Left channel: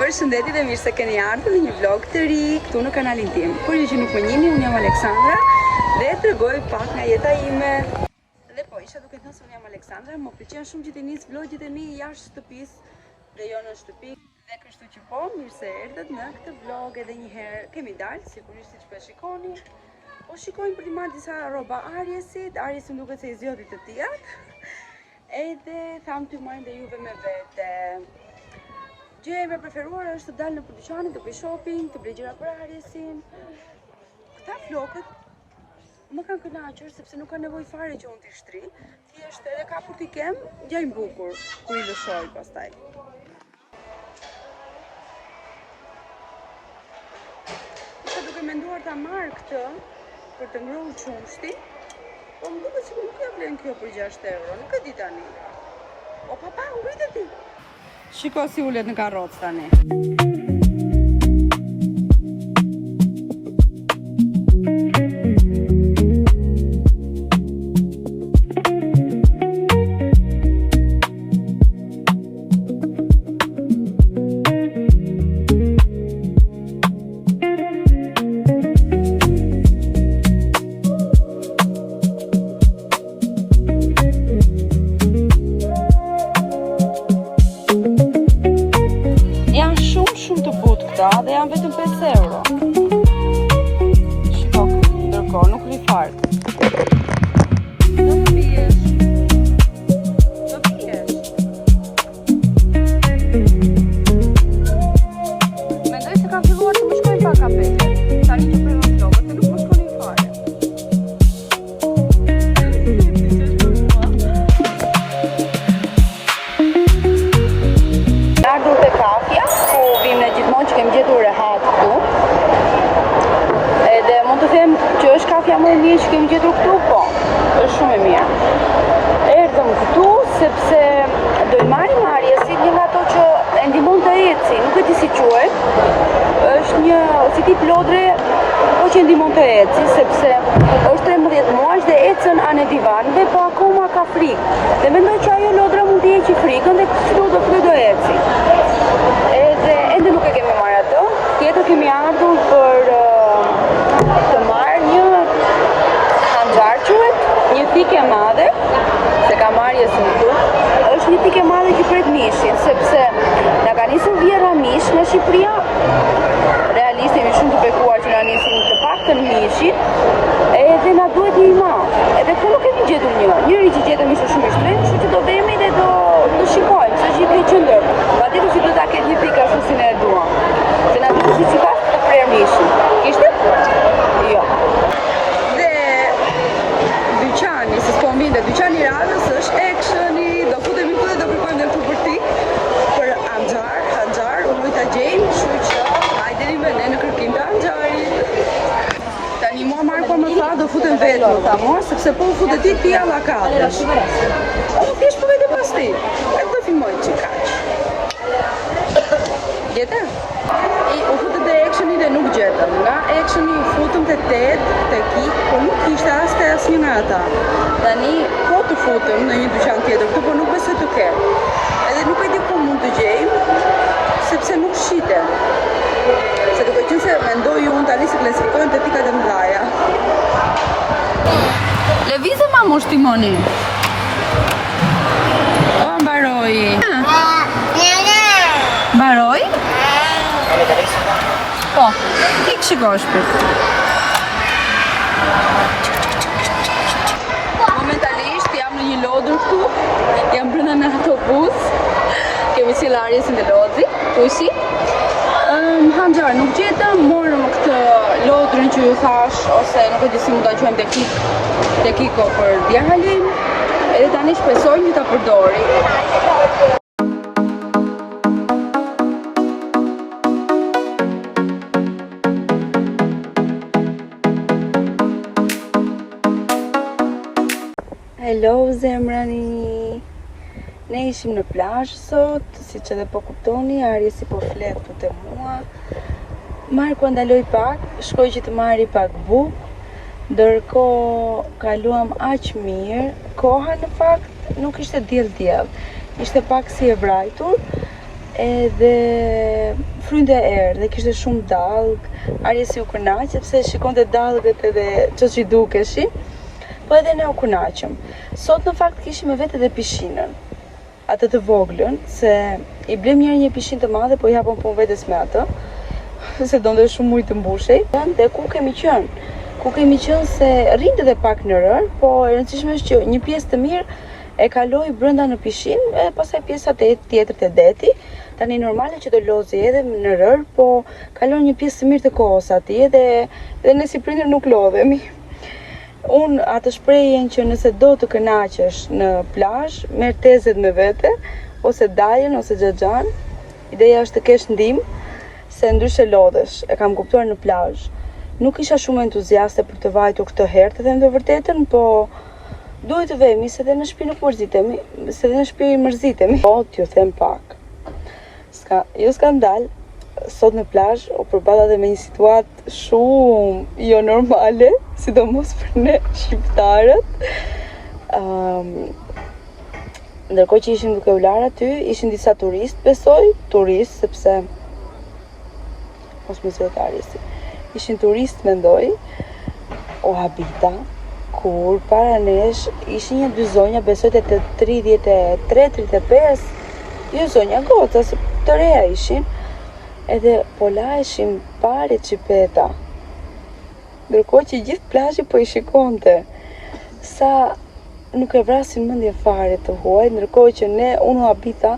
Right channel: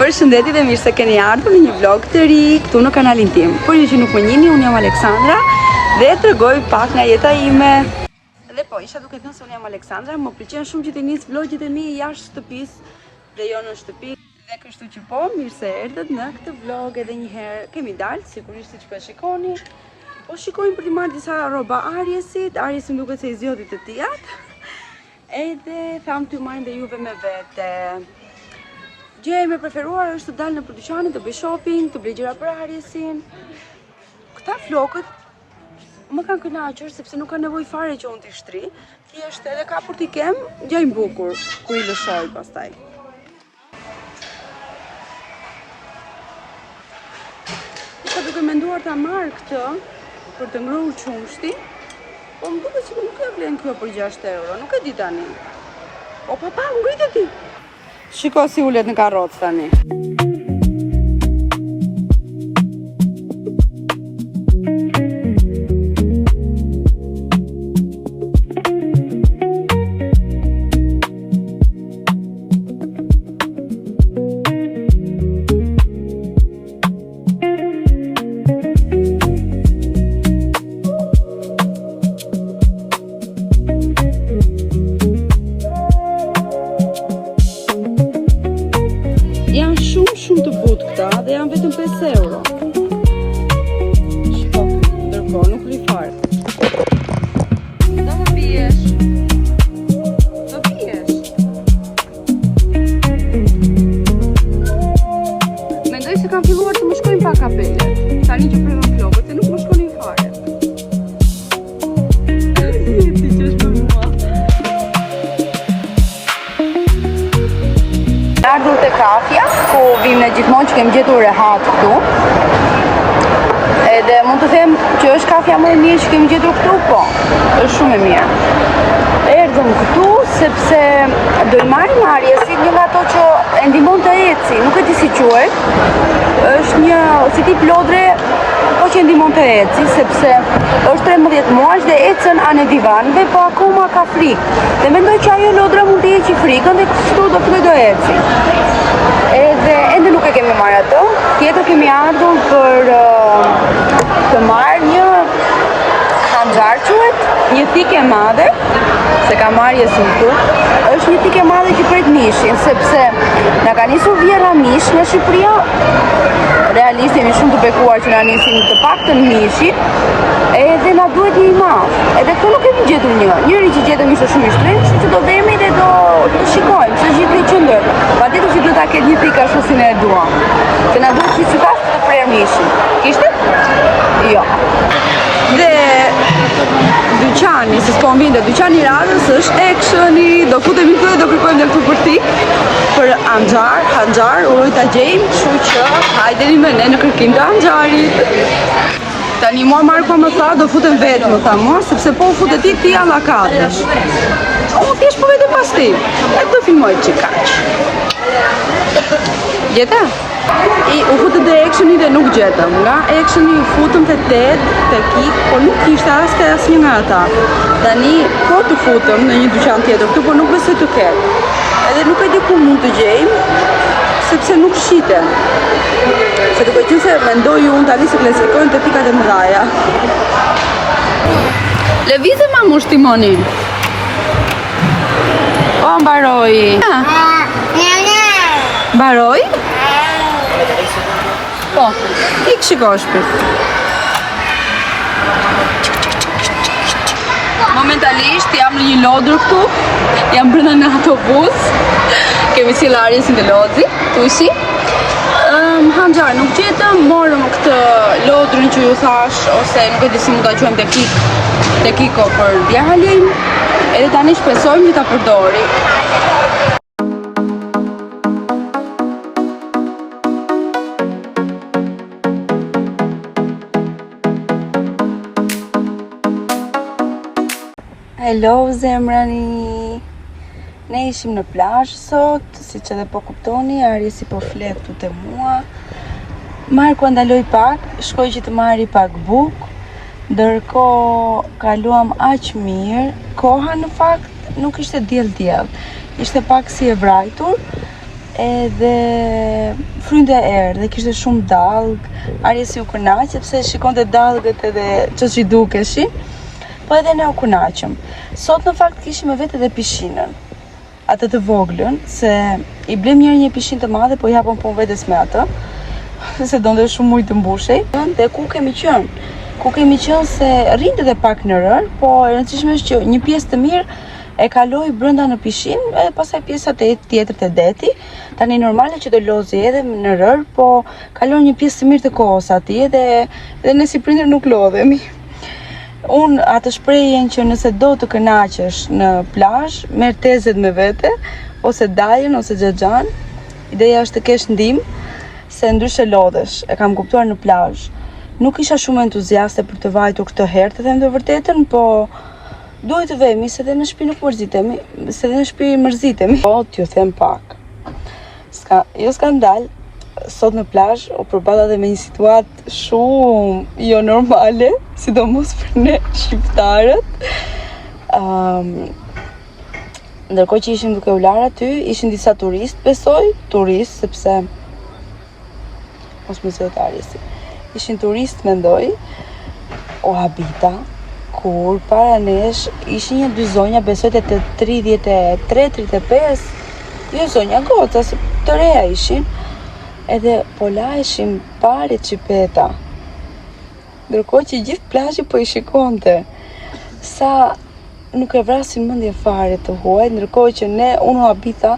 Përshëndetje dhe mirë se keni ardhur në një vlog të ri këtu në kanalin tim. Por ju që nuk më njihni, unë jam Aleksandra dhe t'rregoj pak nga jeta ime. Dhe po, isha duke thënë se unë jam Aleksandra, më pëlqen shumë që të nis vlogjet e mi jashtë shtëpisë dhe jo në shtëpi. Dhe kështu që po, mirë se erdhët në këtë vlog edhe një herë. Kemi dalë, sigurisht siç po e shikoni. Po shikojmë për t'i marrë disa rroba Ariesit. Ariesi më duket se i zgjodhi të tijat. Edhe tham t'ju marrin dhe juve me vete. Gjëja ime e preferuar është të dal në dyqanin, të bëj shopping, të blej gjëra për Ariesin. Këta flokët më kanë kënaqur sepse nuk ka nevojë fare që unë t'i shtri. Thjesht edhe kapur t'i kem, gjajnë bukur kur i lëshoj pastaj. Isha duke menduar ta marr këtë për të ngrënë qumshti, po më duket sikur nuk e vlen kjo për 6 euro, nuk e di tani. O papa, ngritet ti. Shiko si ulet në karrocë tani. Dhe janë vetëm 5 euro. Shiko, ndërkohë nuk ri fare. Do më biesh. Do biesh. Mendoj se kam filluar të më shkojnë pak kapele. Tani që prema flokët, se nuk më shkonin fare. Ti që është për mua. Ardhur te kafja, ku vim në gjithmonë që kemi gjetur rehat këtu. Edhe mund të them që është kafja më e mirë që kemi gjetur këtu, po, është shumë e mirë. Erdhëm këtu sepse do i marrim Ariesit një nga ato që e ndihmon të eci, nuk e di si quhet. Është një si tip lodre, po që e ndihmon të eci, sepse është 13 muaj dhe ecën anë divanëve, po akoma ka frikë. Dhe mendoj që ajo lodra mund të heqë frikën dhe kështu do filloj të eci. Edhe ende nuk e kemi marrë atë. Tjetër kemi ardhur për të marrë një hanxhar quhet, një thikë e madhe, se ka Ariesin këtu. Është një thikë e madhe që pret mishin, sepse na ka nisur vjerra mish në Shqipëri. Realisht jemi shumë të bekuar që na nisin të paktën mishin, edhe na duhet një i madh. Edhe këtu nuk kemi gjetur një. Njëri që gjetëm ishte shumë i shtrenjtë, që do vemi dhe do shikojmë se është një qendër. Patjetër që do ta ketë një thikë ashtu si ne e duam. Se na duhet si qytetar të prerë mishin. Kishte? Jo. Dhe dyqani, se s'po më vinte, dyqani i radhës është Actioni, do futemi këtu dhe do kërkojmë dhe këtu për tik, për hanxhar, uroj ta gjejmë, kështu që hajdeni me ne në kërkim të hanxharit. Tani mua Marko më tha do futem vetë, më tha mua, sepse po futet ti alla katësh. O, thjesht po vetë pas ti, e do filmoj që kaq. Gjeta? U futëm te Actioni dhe nuk gjetëm. Nga Actioni u futëm te 8, te Kik, por nuk kishte asnjë nga ata. Tani po të futëm në një dyqan tjetër këtu, por nuk besoj të ketë. Edhe nuk e di ku mund të gjejmë, sepse nuk shiten. Se duke qenë se mendoj unë tani se klasifikojnë te pikat e mëdha. Lëvizë mamush timonin. O, mbaroi. Mbaroi? Po, ik shikosh për. Momentalisht jam në një lodër këtu, jam brenda në autobus, kemi sill Ariesin te lodhi, tushi. Hanxhar nuk gjetëm, morëm këtë lodrën që ju thash, ose nuk e di si mund ta quajmë te Kiko për djalin, edhe tani shpresojmë që ta përdori. Hello zemrani. Ne ishim në plazh sot, siç edhe po kuptoni, Ariesi po flet këtu te mua. Marko ndaloi pak, shkoi që të marri pak bukë, ndërkohë kaluam aq mirë. Koha në fakt nuk ishte diell, ishte pak si e vrajtur, edhe frynte erë dhe kishte shumë dallg. Arjesi u kënaq sepse shikonte dallgët edhe ç'o që dukeshin, po edhe ne u kënaqëm. Sot në fakt kishim me vete edhe pishinën, atë të voglën, se i blem një pishinë të madhe, po japon punë vetes me atë, se donte shumë ujë të mbushej. Dhe ku kemi qenë? Ku kemi qenë se rrinte edhe pak në rër, po e rëndësishme është që një pjesë të mirë e kaloi brenda në pishinë, edhe pastaj pjesa tjetër te deti. Tani normale që do lozi edhe në rër, po kalon një pjesë të mirë të kohës atij dhe ne si prindër nuk lodhemi. Unë atë shprehjen që nëse do të kënaqesh në plazh, merr tezet me vete, ose daljen ose xhaxhan. Ideja është të kesh ndihmë, se ndryshe lodhesh. E kam kuptuar në plazh. Nuk isha shumë entuziaste për të vajtur këtë herë, të them të vërtetën, po duhet të vemi, se dhe në shtëpi nuk mërzitemi, se dhe në shtëpi mërzitemi. Po, t'ju them pak. Jo skandal, sot në plazh u përballa dhe me një situatë shumë jo normale, sidomos për ne shqiptarët. Ndërkohë që ishim duke u larë aty, ishin disa turistë, besoj, sepse mos më zvet Arjesi. Ishin turist, mendoj, o habita, kur para nesh ishin dy zonja, besoj të 33-35, jo zonja goca, se të reja ishin, edhe po laheshin pare qipeta, ndërkohë që gjithë plazhi po i shikonte, sa nuk e vrasin mendje fare të huaj, ndërkohë që unë habita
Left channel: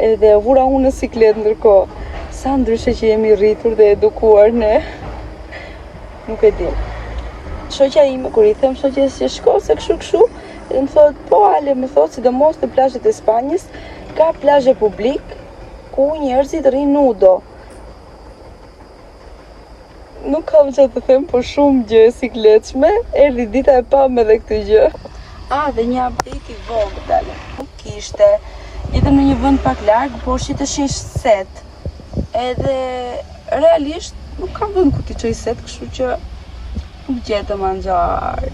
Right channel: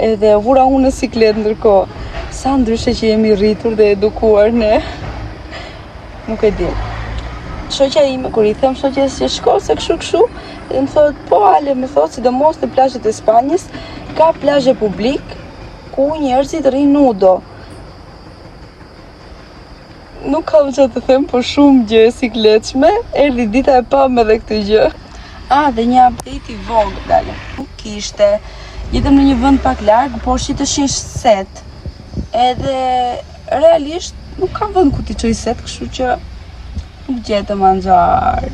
edhe vura unë në siklet, ndërkohë, sa ndryshe që jemi rritur dhe edukuar ne. Nuk e di. Shoqja ime kur i them shoqes që shko se kështu, dhe më thot, po Ale, më thot, sidomos në plazhet e Spanjës, ka plazhe publik ku njerëzit rrin nudo. Nuk kam që të them, po shumë gjë e sikletshme, erdhi dita e pam edhe këtë gjë. Dhe një update i vogël. Nuk ishte, jetëm në një vend pak larg, por shiteshin set. Edhe realisht nuk kam vend ku t'i çoj set, kështu që nuk gjetëm anxhar.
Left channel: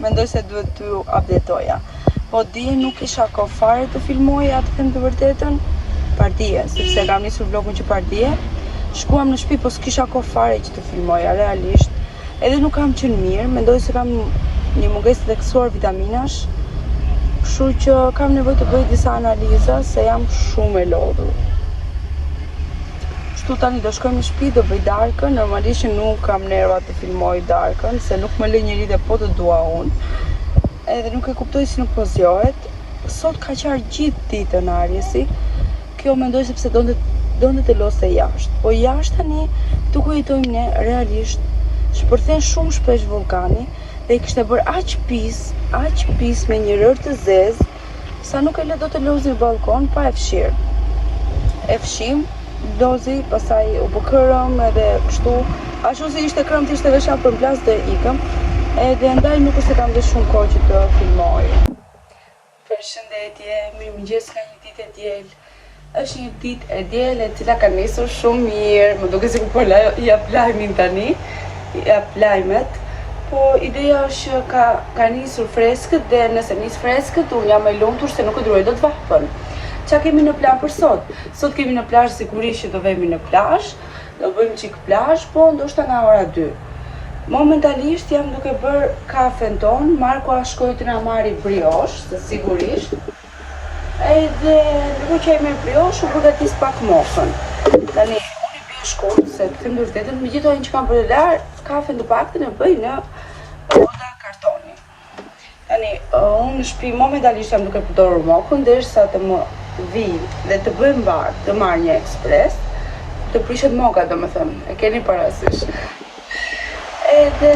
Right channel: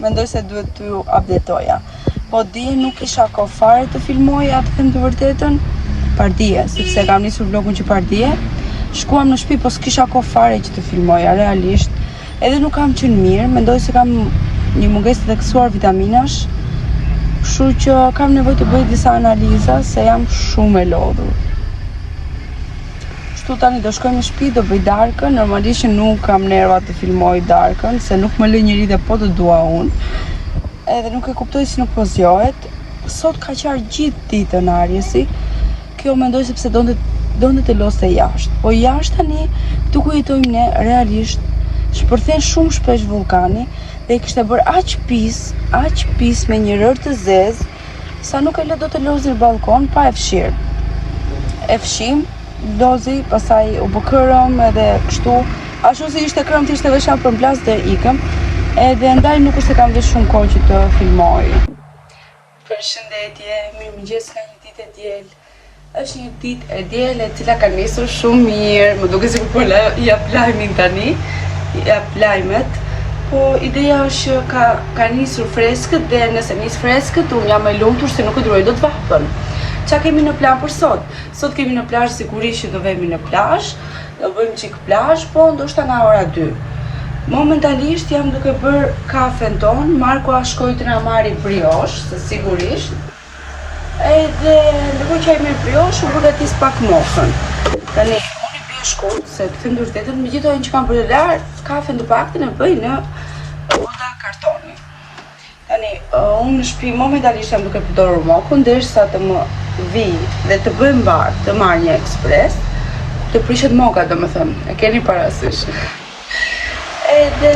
Mendoj se duhet t'ju updatoja. Po dije nuk isha kohë fare të filmoja, të them të vërtetën, pardije, sepse kam nisur vlogun që pardije. Shkuam në shtëpi, po s'kisha kohë fare që të filmoja, realisht. Edhe nuk kam qenë mirë, mendoj se kam një mungesë të theksuar vitaminash, kështu që kam nevojë të bëj disa analiza, se jam shumë e lodhur. Tani do shkojmë në shtëpi, do bëj darkën, normalisht nuk kam nerva të filmoj darkën, se nuk më lë njëri dhe po të dua unë. Edhe nuk e kuptoj si nuk po zgjohet. Sot ka qarë gjithë ditën Arjesi. Kjo mendoj sepse donte të loste jashtë. Po jashtë tani, këtu ku jetojmë ne, realisht shpërthen shumë shpesh vulkani dhe i kishte bërë aq pis me një rër të zezë, sa nuk e lë do të lozë në balkon pa e fshirë. E fshim, lozi, pasaj u bë kërëm edhe kështu, ashtu si ishte kërëm të ishte veshan për mblas dhe ikëm, edhe ndaj nuk është se kam vesh shumë kohë që të filmoj. Përshëndetje, mirëmëngjes, ka një ditë e diel. Është një ditë e diel e cila ka nisur shumë mirë, më duke sikur po jap lajmin tani, jap lajmet. Po ideja është që ka nisur freskët dhe nëse nis freskët, unë jam e lumtur se nuk e duroj dot vapën. Qa kemi në plan për sot? Sot kemi në plazh sigurisht që do vemi në plazh, do bëjmë çik plazh, po ndoshta nga ora 2. Momentalisht jam duke bërë kafen ton, Marko a shkoj të na marri briosh, se sigurisht. Edhe ndërkohë që ai merr briosh, unë përgatis pak mokën. Tani unë i bëj shkurt, se të them vërtetën, megjithatë që kam bërë lart, kafen të paktën e bëj në oda kartoni. Tani unë në shtëpi momentalisht jam duke përdorur mokën derisa të më vi dhe të bëjmë bar, të marr një ekspres, të prishet moka, domethënë, e keni parasysh. Edhe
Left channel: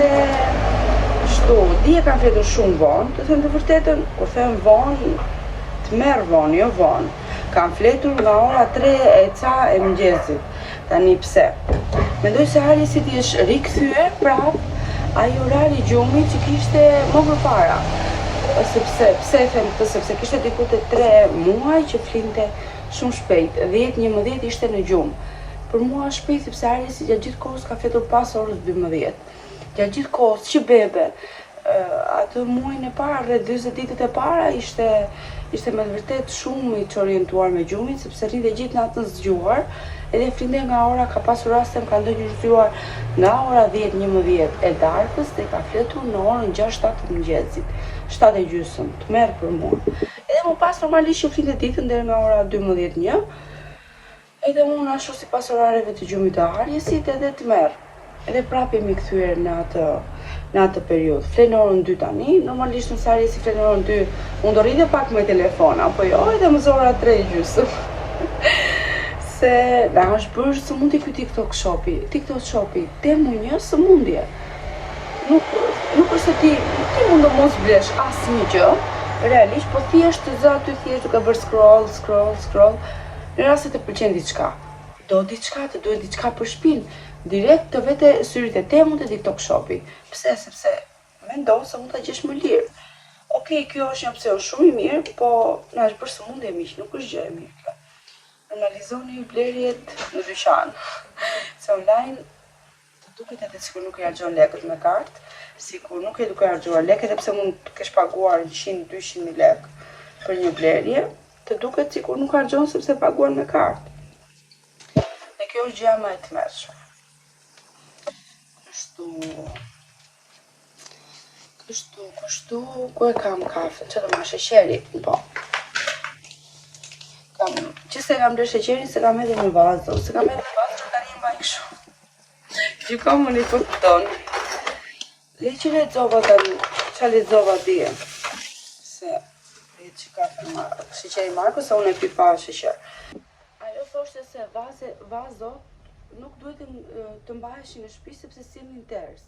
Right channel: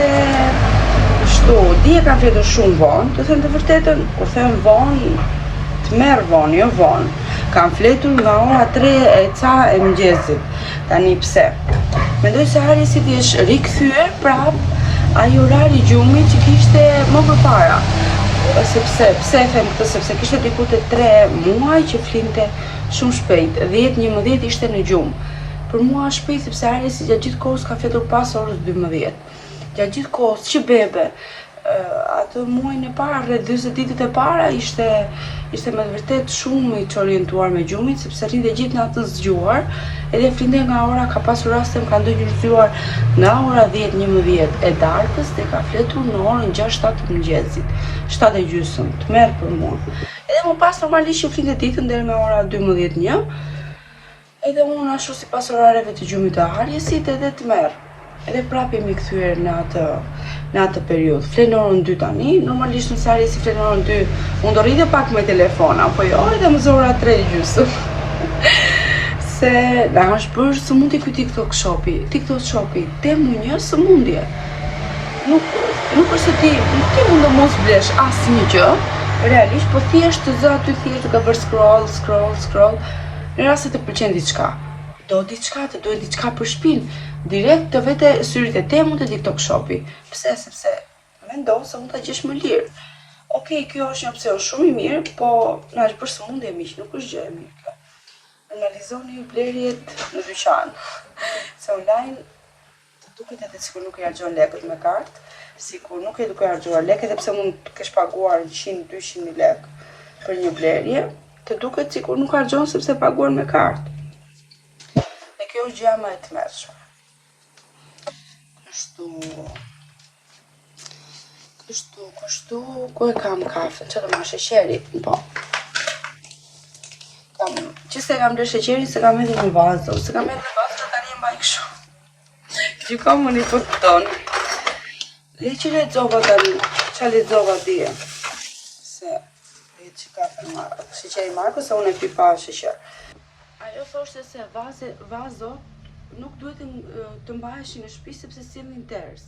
kështu, dije kam fletur shumë vonë, të them të vërtetën, kur them vonë, të merr vonë, jo vonë. Kam fletur nga ora 3 e ca e mëngjesit. Tani pse? Mendoj se Arjesi është rikthyer prap ai orari i gjumit që kishte më përpara. Pse e them këtë, sepse kishte diku te 3 muaj që flinte shumë shpejt, 10-11 ishte në gjumë. Për mua është shpejt sepse Arjesi gjatë gjithë kohës ka fletur pas orës 12. Gjatë gjithë kohës që bebe, atë muajin e parë, rreth 40 ditët e para, ishte me të vërtet shumë i orientuar me gjumit, sepse rrinte gjithë natën zgjuar, edhe flinte nga ora, ka pasur raste më ka ndonjë zgjuar nga ora 10-11 e darkës dhe ka fletur në orën 6-7 të mëngjesit, 7:30, të merr për mua. Edhe më pas normalisht u flinte ditën deri me ora 12-1, edhe unë ashtu sipas orareve të gjumit të Arjesit edhe të merr. Edhe prapë jemi kthyer në atë periudhë. Flen orën 2 tani, normalisht në sari si flen orën 2, unë do rritë pak me telefona, po jo edhe më zora 3:30. Se na është bërë sëmundje ky TikTok shopi, temu një sëmundje. Nuk është se ti mund të mos blesh asnjë gjë, realisht, po thjesht të zë aty thjesht duke bërë scroll, në rast se të pëlqen diçka. Të duhet diçka për shtëpinë, direkt të vete syrit e Temu të TikTok shopi. Pse? Sepse mendon se mund ta gjesh më lirë. Okej, kjo është një opsion shumë i mirë, po na është bërë sëmundje miq, nuk është gjë e mirë kjo. Normalizoni blerjet në dyqan. Se online të duket edhe sikur nuk e harxhon lekët me kartë, sikur nuk e duke harxhuar lekët, edhe pse mund të kesh paguar 100-200.000 lekë për një blerje, të duket sikur nuk harxhon sepse paguar me kartë. Kjo është gjëja më e tmerrshme. Kështu, ku e kam kafen? Që do ma sheqeri? Po. Që se kam dhe sheqerin, se kam edhe një vazo. Se kam edhe një vazo që tani e mbaj kështu. Që kam unë i për këton. Dhe që lexova tani, që lexova dje. Se, që kafen sheqeri Marko, se unë e pi pa sheqer. Ajo thoshte se vazot nuk duhet të mbaheshin në shtëpi sepse sillnin ters.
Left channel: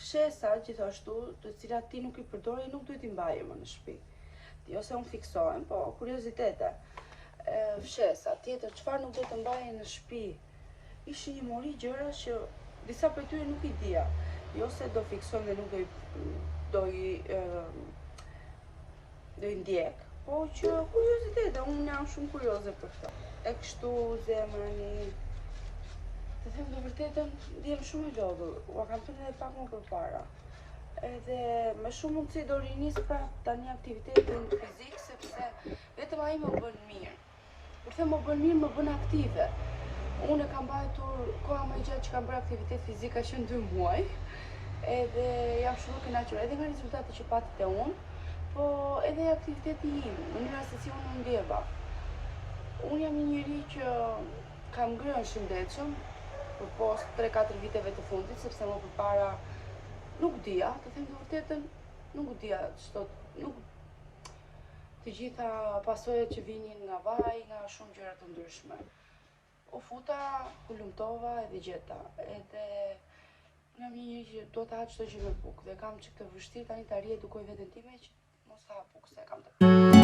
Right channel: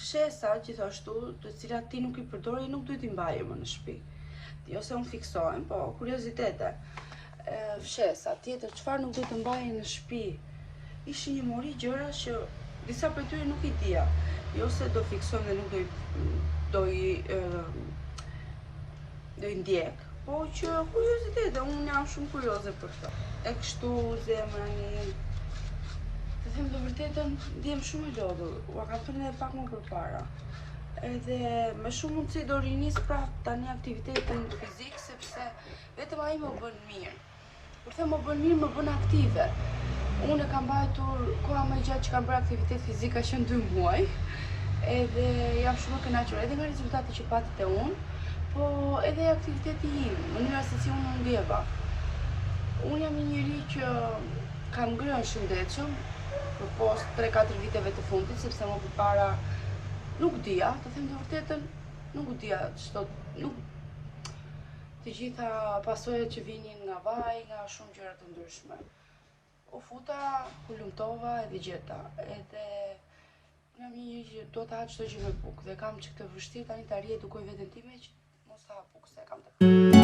Fshesa gjithashtu, të cilat ti nuk i përdori, nuk duhet i mbajë më në shtëpi. Jo se unë fiksohem, po kuriozitete. Fshesa tjetër, çfarë nuk duhet të mbajë në shtëpi? Ishin një mori gjëra që disa prej tyre nuk i dija. Jo se do fiksojmë dhe nuk do i ndjek. Po që kuriozitete, unë jam shumë kurioze për këto. E kështu zemrani. Të them të vërtetën, ndjem shumë e lodhur. Ua kam thënë edhe pak më përpara. Edhe me shumë mundësi do rinis pra tani aktivitetin fizik, sepse vetëm ai më bën mirë. Kur them më bën mirë, më bën aktive. Unë kam mbajtur koha më gjatë që kam bërë aktivitet fizik ka qenë 2 muaj. Edhe jam shumë e kënaqur edhe nga rezultati që patite unë, po edhe aktiviteti im, mënyra se si unë ndjeva. Unë jam një njeri që kam ngrënë shëndetshëm për post 3-4 viteve të fundit, sepse më përpara nuk dija, të them të vërtetën, nuk dija të gjitha pasojat që vinin nga vaj, nga shumë gjëra të ndryshme. U futa, u lumtova edhe gjeta. Edhe jam një njeri që do të ha çdo gjë me bukë dhe kam që këtë vështirë tani të arrij edukoj veten time që mos ta ha bukë se kam të